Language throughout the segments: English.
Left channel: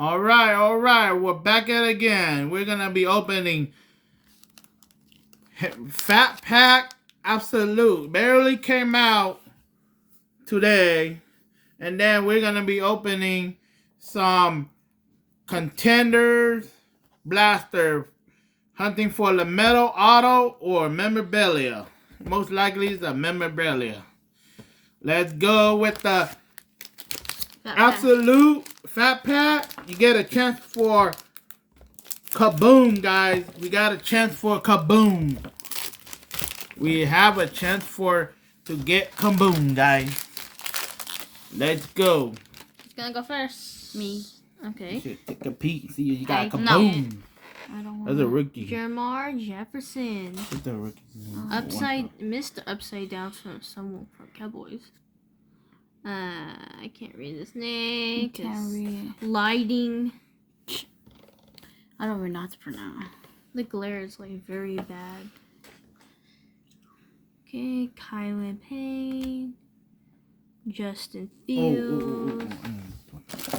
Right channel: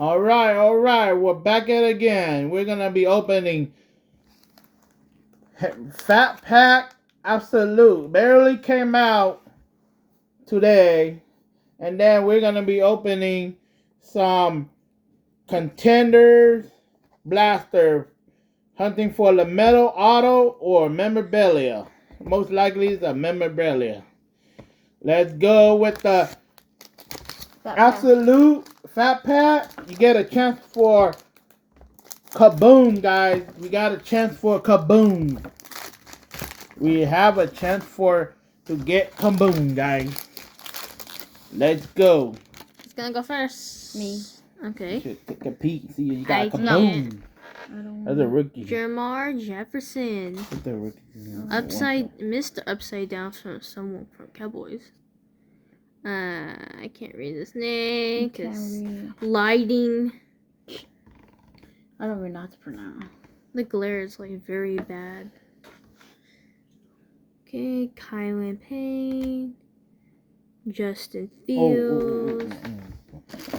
All right. We're back at it again. We're gonna be opening Fat Pack Absolute. Barely came out today, and then we're gonna be opening some Contendet Blaster, hunting for the metal auto or memorabilia. Most likely it's a memorabilia. Let's go with the Absolute Fat Pack. You get a chance for kaboom, guys. We got a chance for kaboom. We have a chance to get kaboom, guys. Let's go. Who's gonna go first? Me. Okay. You should take a peek. See, you got I kaboom. I don't That's a rookie. Jamar Jefferson. That's a rookie. Mr. Upside Down from someone from Cowboys. I can't read this name. Can't read. Lighting. I don't really know how to pronounce. The glare is like very bad. Okay, Kylan Payne. Justin Fields.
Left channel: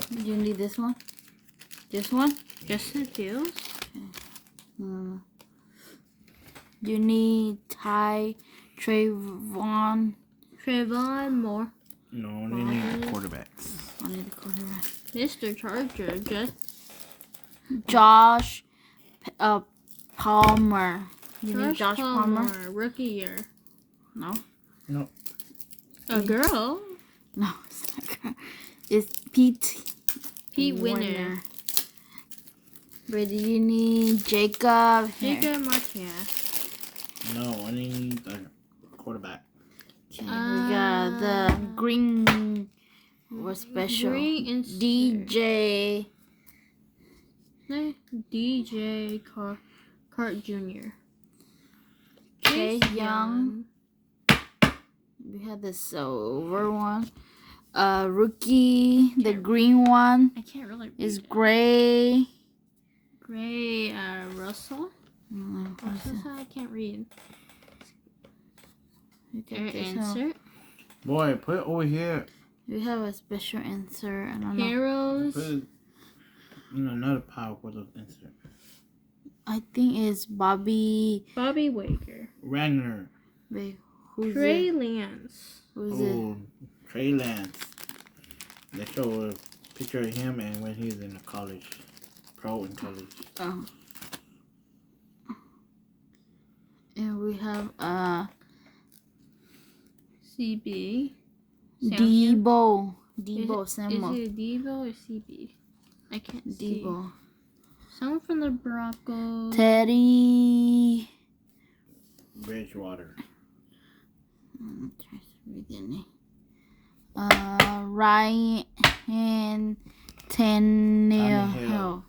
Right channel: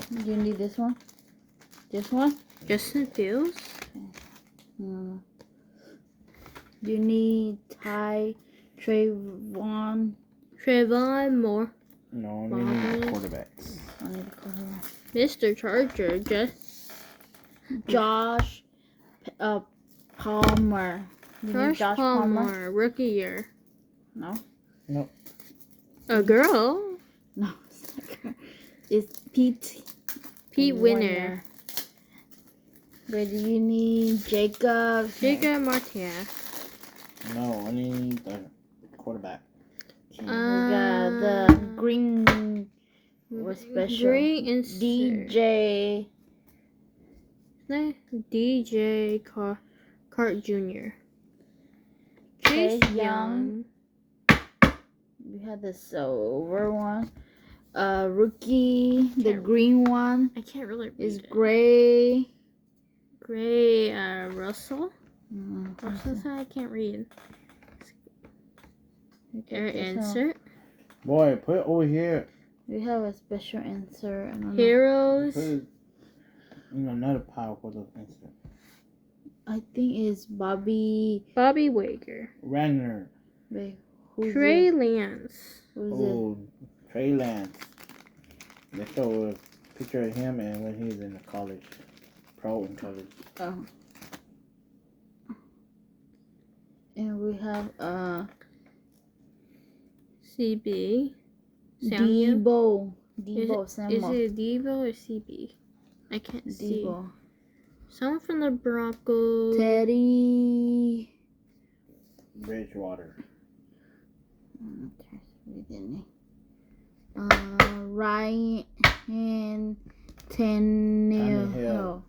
Do you need this one? This one? Justin Fields. Do you need Trayvon Moore. No, they need quarterbacks. I need a quarterback. Mr. Charger. Josh Palmer. You need Josh Palmer. Rookie year. No. No. A girl. No, it's not a girl. It's Pete Winner. But do you need Jacob Martinez. No, I need the quarterback. We got the green or special Green DJ Cart Jr. Chase Young. We had the silver one. Rookie, the green one I can't really read is it. gray. Russell. I can't read. Insert. Boy, put it over here. We have a special insert. I don't know. Heroes. Put it in another pile for the insert. I think it's Bobby Wager. Ragnar. Wait, who's Trey it? Lance. Who's it? Oh, Trey Lance. They show a picture of him and when he was in the college. Pro in college. Oh. And we have CB. Debo Is Samuel. it Debo or CB? I can't see. Debo. Someone from the Broncos. Teddy. Bridgewater. Ryan Tannehill.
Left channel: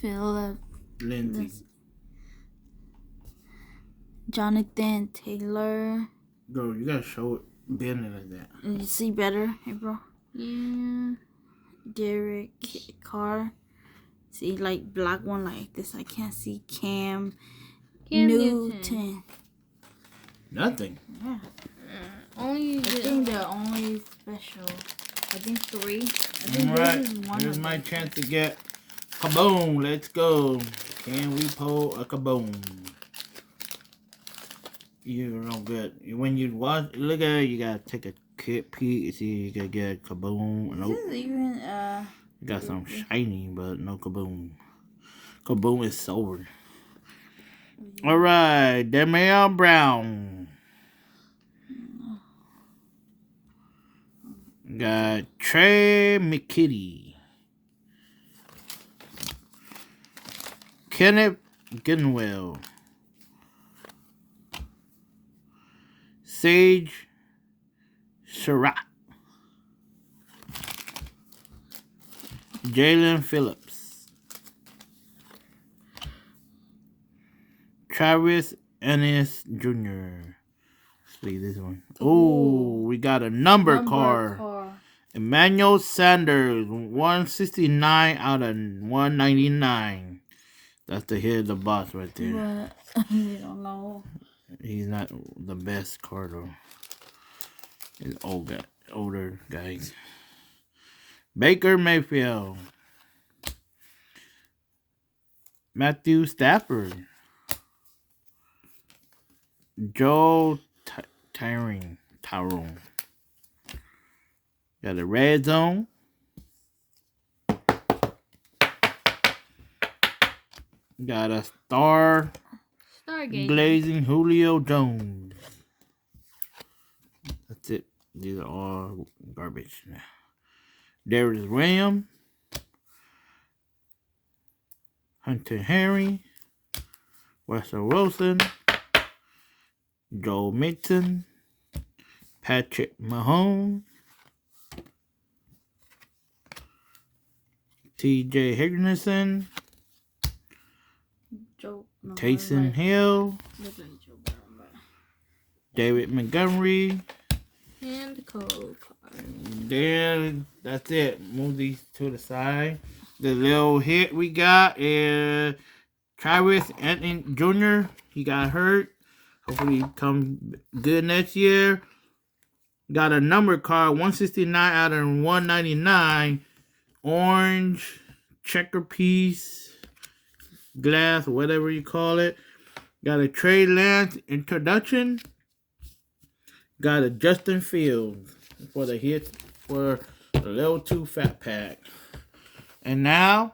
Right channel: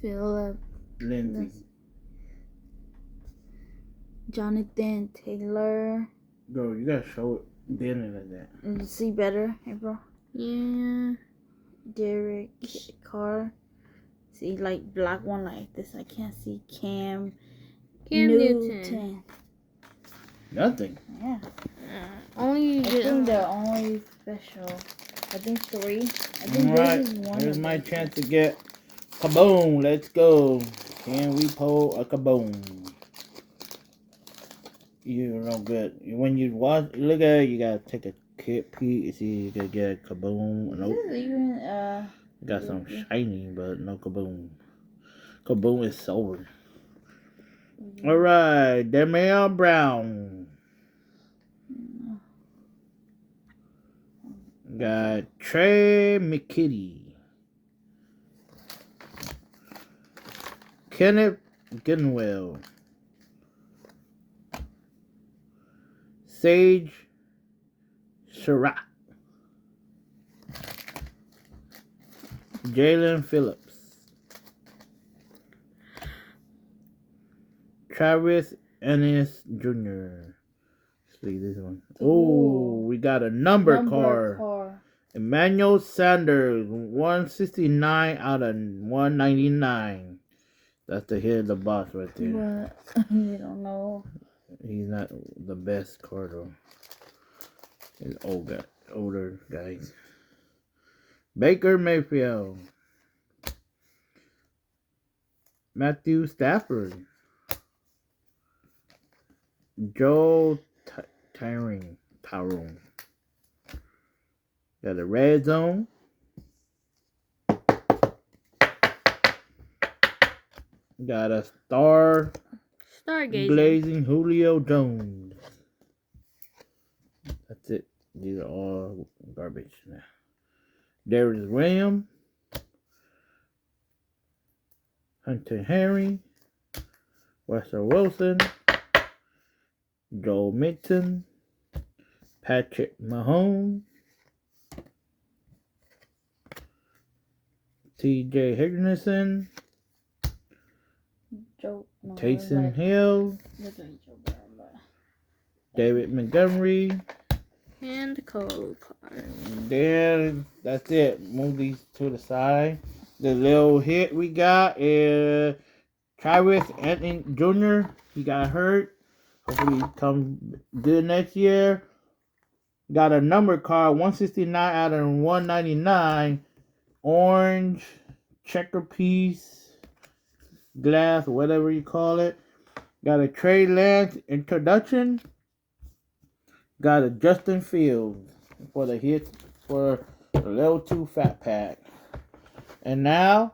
Philip. Lindsay. Jonathan Taylor. Bro, you gotta show it bending like that. You see better, hey bro? Yeah. Derek Carr. See, like black one like this. I can't see Cam Newton. Nothing. Yeah. Only I think the only special. I think 3. I think Alright, this is one here's of my them. chance to get kaboom. Let's go. Can we pull a kaboom? You're no good. When you look at it, you gotta take a quick peek. See, you gotta get a kaboom. Nope. This is even You got some shiny, but no kaboom. Kaboom is silver. Alright, Damian Brown. Got Trey McKitty. Kenneth Gainwell. Sage Surratt. Jalen Phillips. Travis Ennis Jr. Let's see this one. Oh, we got a number card. Emmanuel Sanders, 169 out of 199. That's the hit of the box right there. You don't know. He's not the best card though. He's old guy. older guys. Baker Mayfield. Matthew Stafford. Joe Tyrone. Got a red zone. Got a Stargazing. glazing Julio Jones. That's it. These are all garbage now. Darius Williams. Hunter Henry. Russell Wilson. Joe Mixon. Patrick Mahomes. T.J. Higginson. Taysom Hill. David Montgomery. And the code card. Then that's it. Move these to the side. The little hit we got is Travis Anthony Jr. He got hurt. Hopefully he comes good next year. Got a number card, 169 out of 199. Orange checker piece, glass, whatever you call it. Got a Trey Lance introduction. Got a Justin Fields for the hit for the level 2 fat pack. And now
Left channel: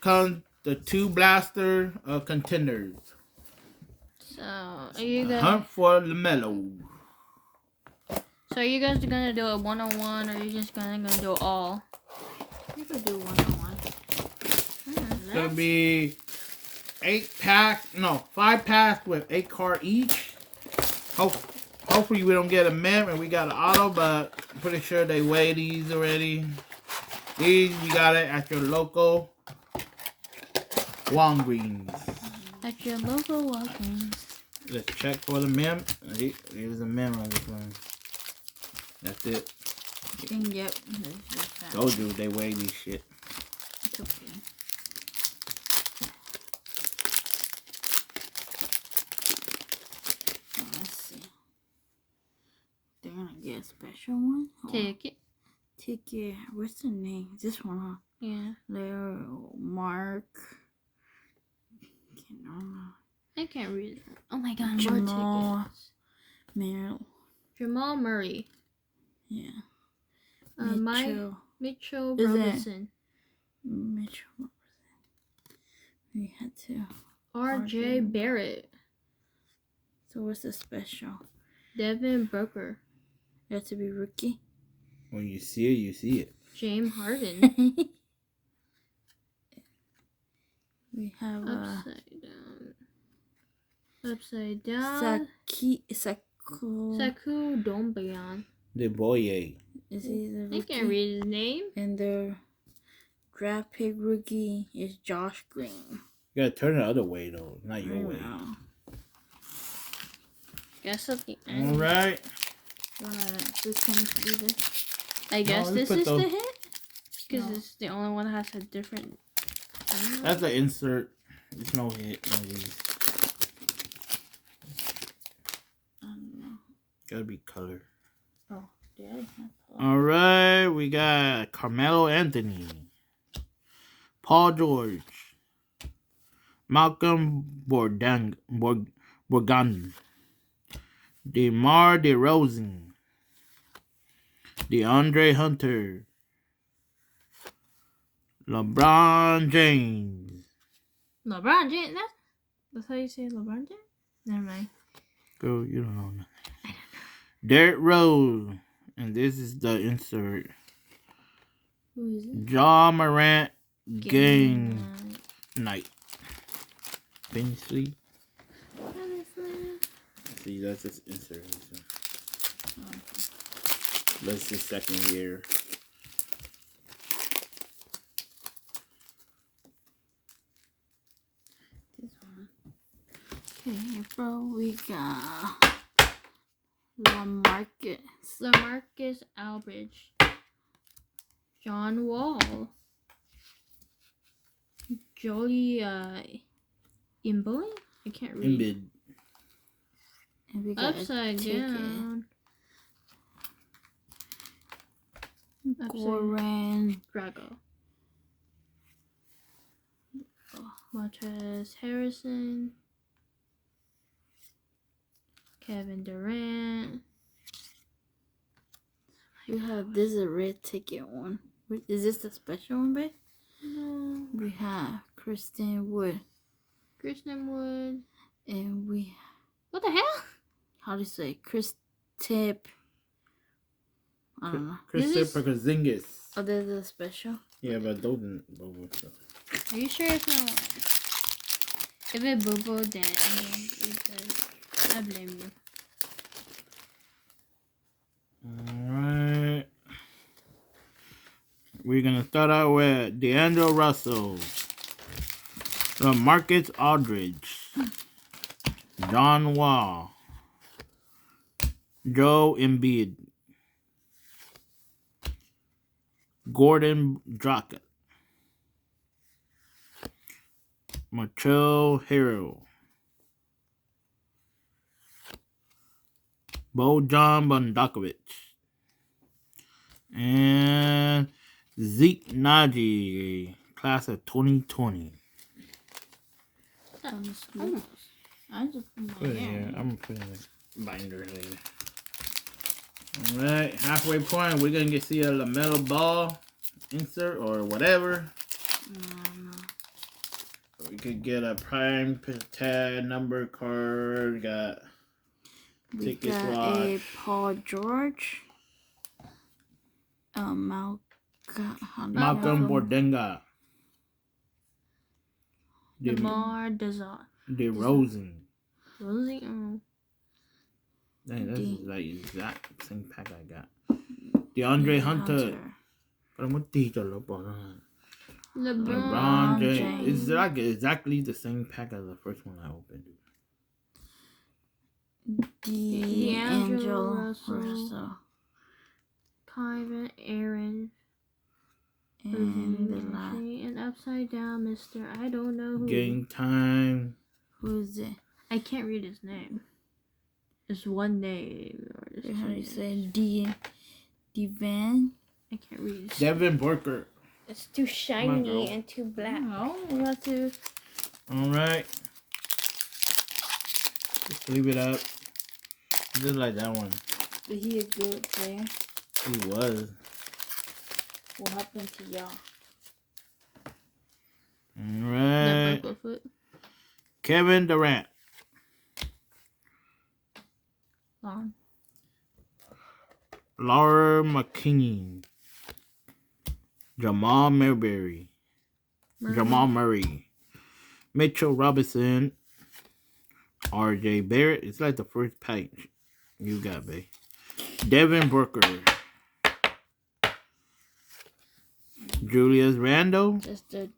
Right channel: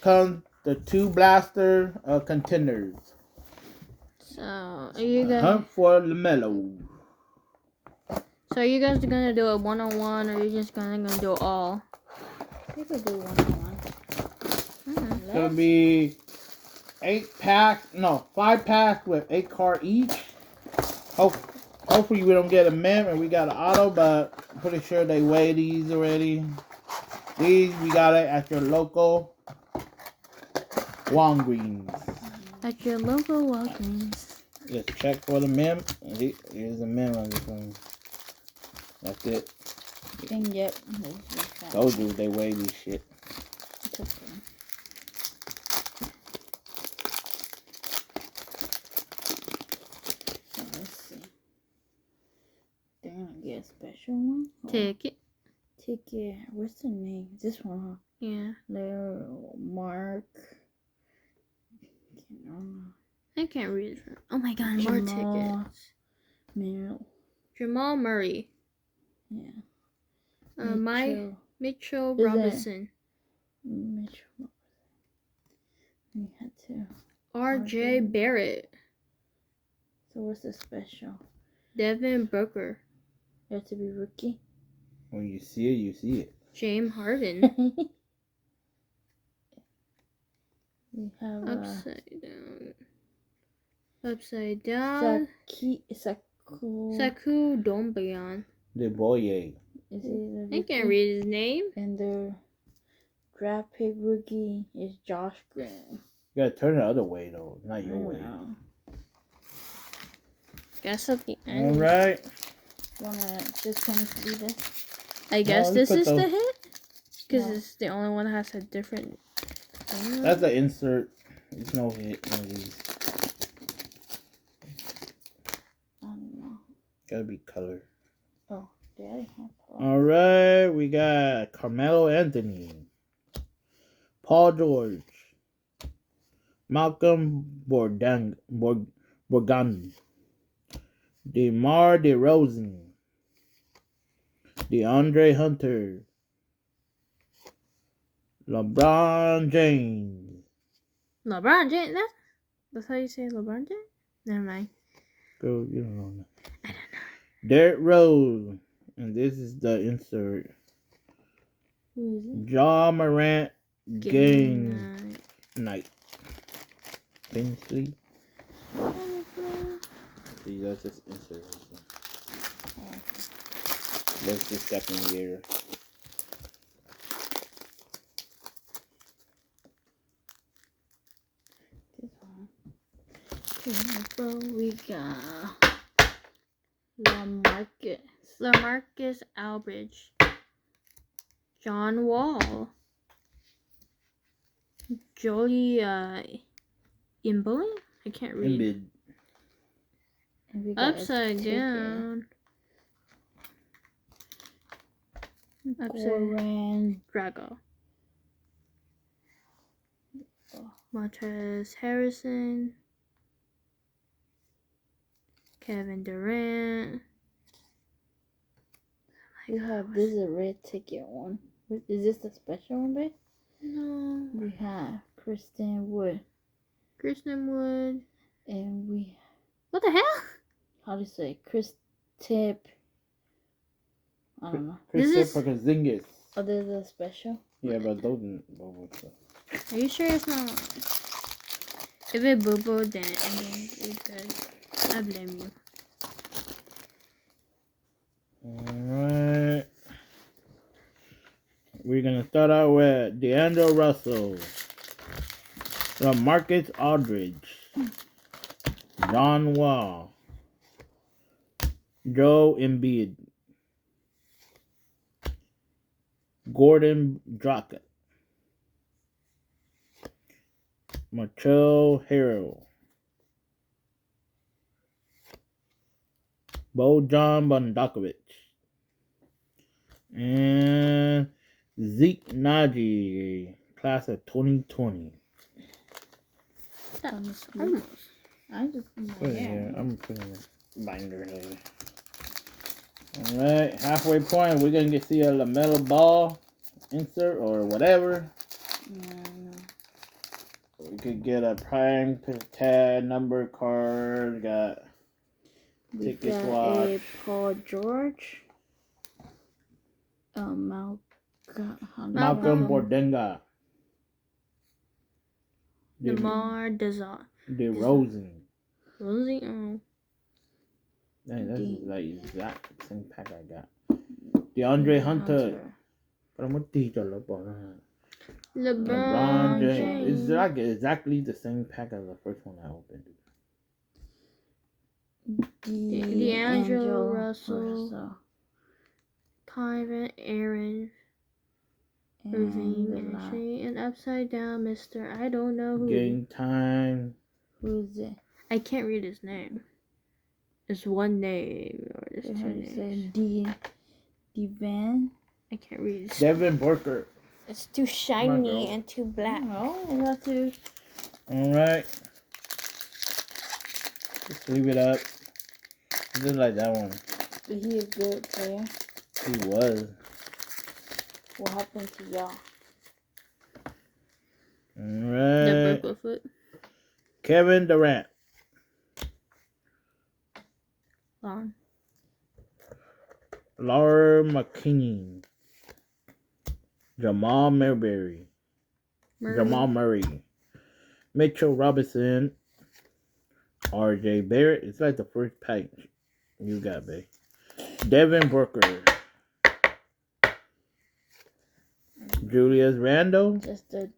comes the 2 blaster contenders. So are you guys Hunt for LaMelo. So are you guys gonna do it 1-on-1 or are you just gonna do it all? You could do 1-on-1. It's gonna be 5 packs with 8 cards each. Hopefully we don't get a mem and we got an auto, but I'm pretty sure they weigh these already. These we got it at your local Walgreens. At your local Walgreens. Let's check for the mem. Here's the mem on this one. That's it. Yep. Told you they weigh these shit. It's okay. Let's see. They're gonna get a special one. Ticket. What's the name? This one, huh? Yeah. Leo Mark. I can't read it. Oh my god, Jamal. more tickets. Jamal Murray. Yeah. Mitchell Is Robinson. Mitchell. We had to. R.J. Barrett. So what's the special? Devin Booker. You have to be rookie. When you see it, you see it. James Harden. We have Upside down. Saku Dombayan. The boy. Is he the rookie? I can't read his name. And the draft pick rookie is Josh Green. You gotta turn it the other way though, not your way. Guess at the end. Alright. This one to be this. I guess No, this put is those- the hit? Because No. it's the only one that has a different thing. That's the insert. There's no hit on these. I don't know. Gotta be color. Oh, Daddy. Alright, we got Carmelo Anthony, Paul George, Malcolm Borgan, DeMar DeRozan, DeAndre Hunter, LeBron James. LeBron James? That's how you say LeBron James? Never mind. Girl, you don't know. I don't know. Derrick Rose. And this is the insert. Who is it? John Morant game night. Finsley. See, that's this insert. That's the second year. This one. Okay, bro, we got LaMarcus Aldridge. John Wall. Jolie Imboy? I can't read. Embiid. and we got Upside a ticket. down. Goran Drago. Montrezl Harrison. Kevin Durant. We have this is a red ticket one. Is this the special one, babe? No. We have Kristen Wood. Christian Wood. And we What the hell? how do you say Chris Tip? I don't know. Christopher Porzingis. Oh, this is a special. Yeah, but those Are you sure it's not? If it boo-boo, then it does. I blame you. Alright. We're gonna start out with DeAndre Russell, LaMarcus Aldridge, John Wall, Joe Embiid, Gordon Dragic, Michael Harrell, Bojan Bogdanovic, and Zeke Naji, class of 2020. That Almost. almost. I just put my hair. I'm putting a binder later. Alright, halfway point, we're gonna see a LaMelo Ball insert or whatever. No. We could get a prime tag number card. Got We ticket got swatch. a Paul George. Malcolm Bordenga. DeMar DeRozan. DeRozan. Rosie. Oh. Dang, that's like exact same pack I got. DeAndre Hunter. Pero mo tito lo po. LeBron James. It's like exactly the same pack as the first one I opened. D'Angelo Russell. Kyron Aaron. And upside down, Mr. I don't know who. Game time. Who is it? I can't read his name. It's one name. Or this How do you say Devan? I can't read his Devin Booker. It's too shiny and too black. No, we got to. Alright. Just leave it up. Just like that one. Is he a good player? He was. What happened to y'all? Alright. The foot. Kevin Durant. Long. Laura McKinney. Jamal Murray. Jamal Murray. Mitchell Robinson. RJ Barrett. It's like the first pack you got, babe. Devin Booker. Julius Randle. Just the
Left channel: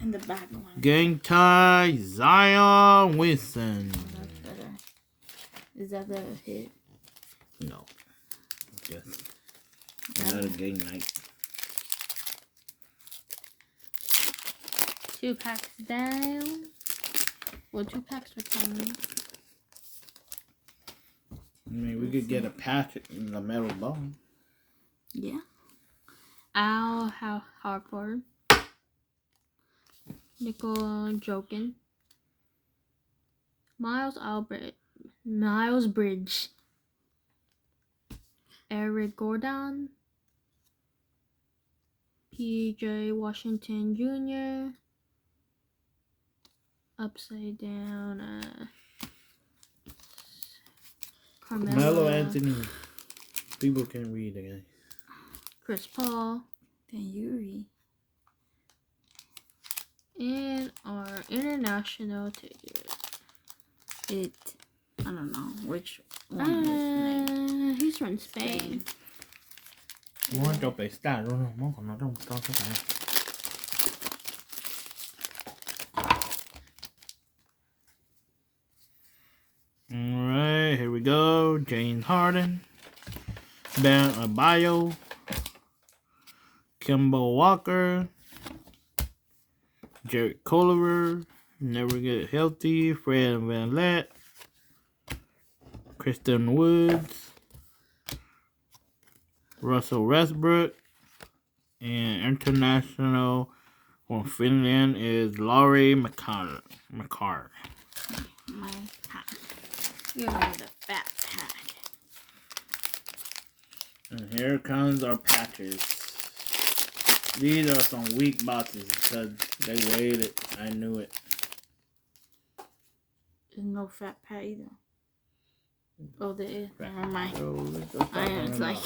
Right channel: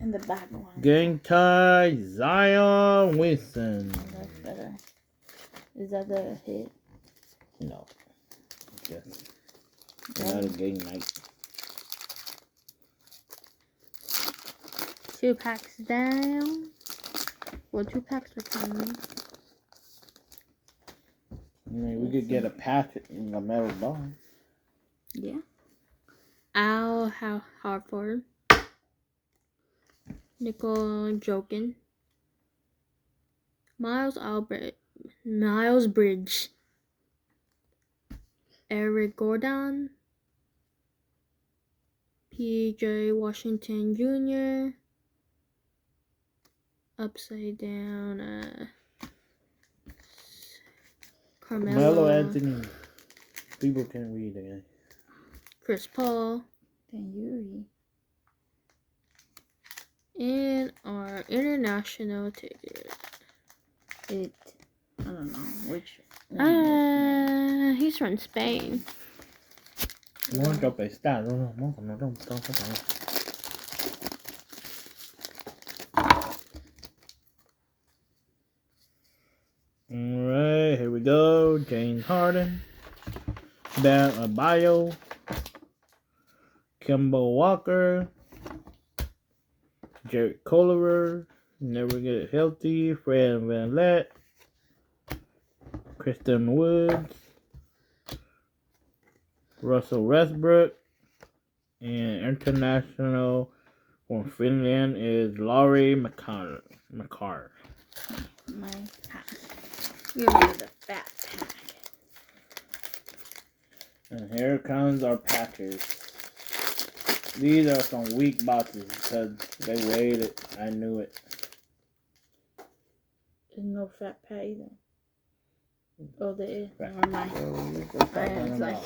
in the back one. Game time. Zion Wilson. That's better. Is that the hit? No. Yes. Another game night. 2 packs down. Well, 2 packs are coming. I mean, we could get a patch in the metal ball. Yeah. Al Harford. Nicole Jokin. Miles Bridge. Eric Gordon. PJ Washington Jr. Upside down. Carmelo Carmelo Anthony. People can read again. Chris Paul. Then Yuri. And our international ticket. I don't know which one. He's from Spain. Alright, here we go. James Harden. Bam Adebayo. Kemba Walker. Jarrett Culver. Never get healthy. Fred VanVleet. Kristen Woods. Russell Westbrook. And international from Finland is Laurie McCarr. My pack. You're the fat pack. And here comes our patches. These are some weak boxes because they weighed it. I knew it. There's no fat pat either. Oh, there is. Never mind. So, It's like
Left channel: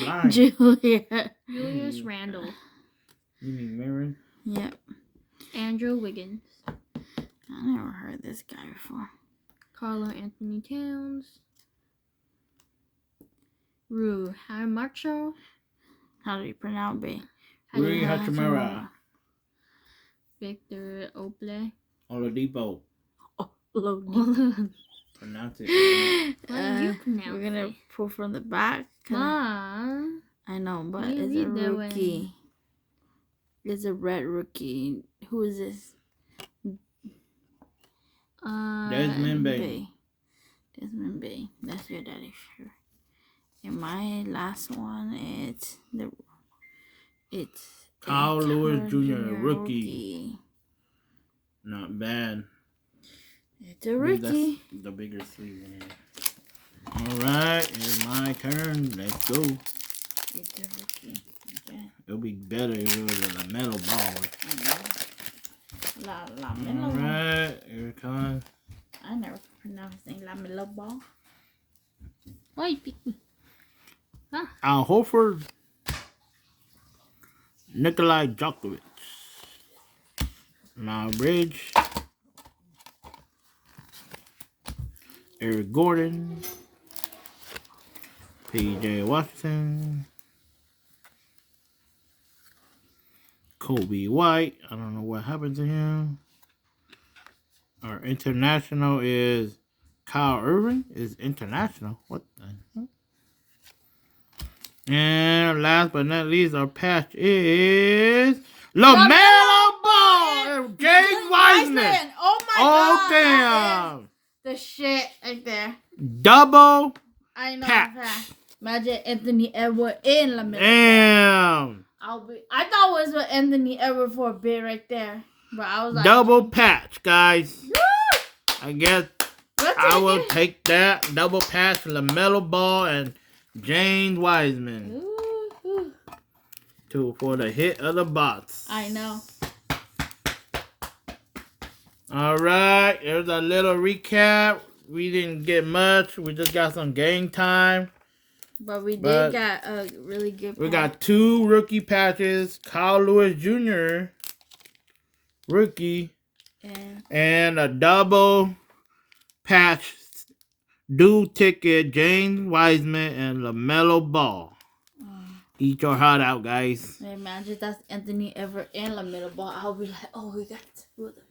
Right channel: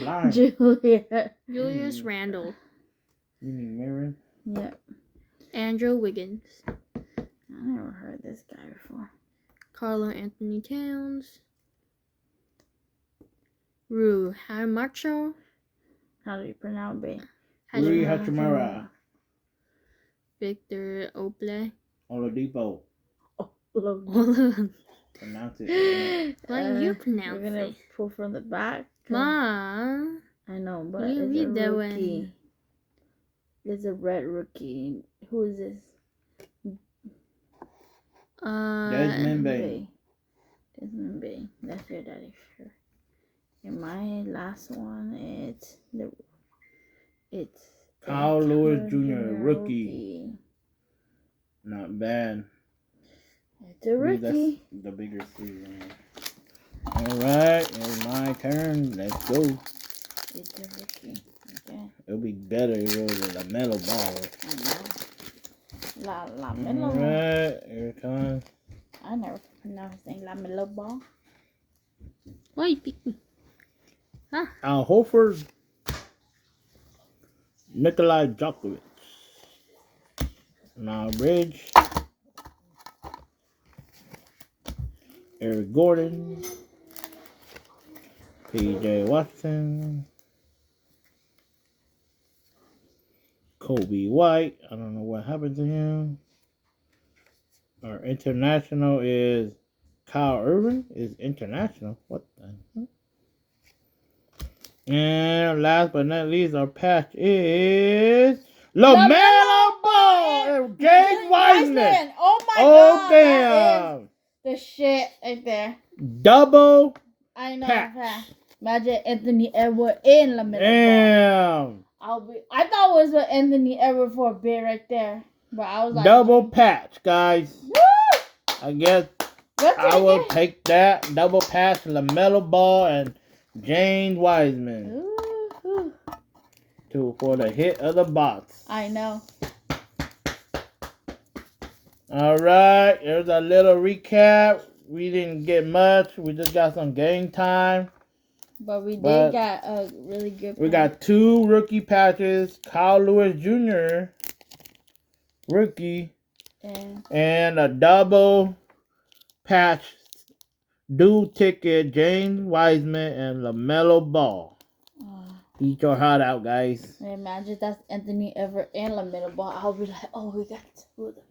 blind. Julius Randle. You need mirror? Yep. Andrew Wiggins. I never heard this guy before. Carlo Anthony Towns. Rui Hamacho. How do you pronounce it? Rui Hachimura. Victor Oble. Oladipo. Pronounce it. Why do you pronounce We're gonna it? pull from the back. Mom. I know, but You it's a read that rookie. It's a red rookie. Who is this? Desmond Bay. Desmond Bay. That's your daddy, sure. And my last one it's Kyle Lewis Jr. Rookie. Not bad. It's a rookie. That's the bigger season. Alright, it's my turn. Let's go. It's a rookie. Okay. It'll be better if it was a LaMelo Ball. LaMelo. Alright, here it comes. I never pronounced it LaMelo Ball. Why you picking? Al Horford. Nikolai Djokovic. Miles Bridge. Eric Gordon. PJ Washington. Kobe White. I don't know what happened to him. Our international is Kyle Irving. Is international. What the hell? And last but not least, our patch is LaMelo Ball and James Wiseman. Oh my Oh, god. damn. The shit right there. Double I know. patch. Imagine Anthony Edwards in LaMelo Ball. Damn. I thought it was Anthony Edwards for a bit right there. But I was like, Double patch, guys. woo! I guess I will take that. Double patch, LaMelo Ball and James Wiseman. Ooh. For the hit of the box. I know. Alright, here's a little recap. We didn't get much. We just got some game time. But we did got a really good We got 2 rookie patches. Kyle Lewis Jr. Rookie. And a double patch. Dual ticket. James Wiseman and LaMelo Ball. Eat your heart out, guys. Imagine that's Anthony Edwards and LaMelo Ball. I'll be like, oh, we got 2 of them.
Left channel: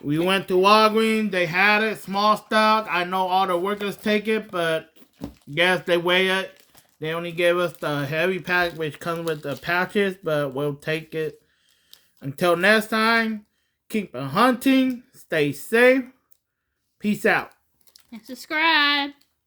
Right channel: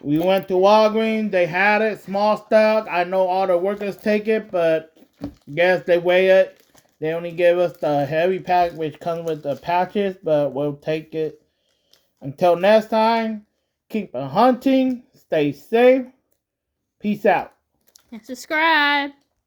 We went to Walgreens. They had it. Small stock. I know all the workers take it, but guess they weigh it. They only gave us the heavy pack, which comes with the patches, but we'll take it. Until next time, keep hunting. Stay safe. Peace out. And subscribe.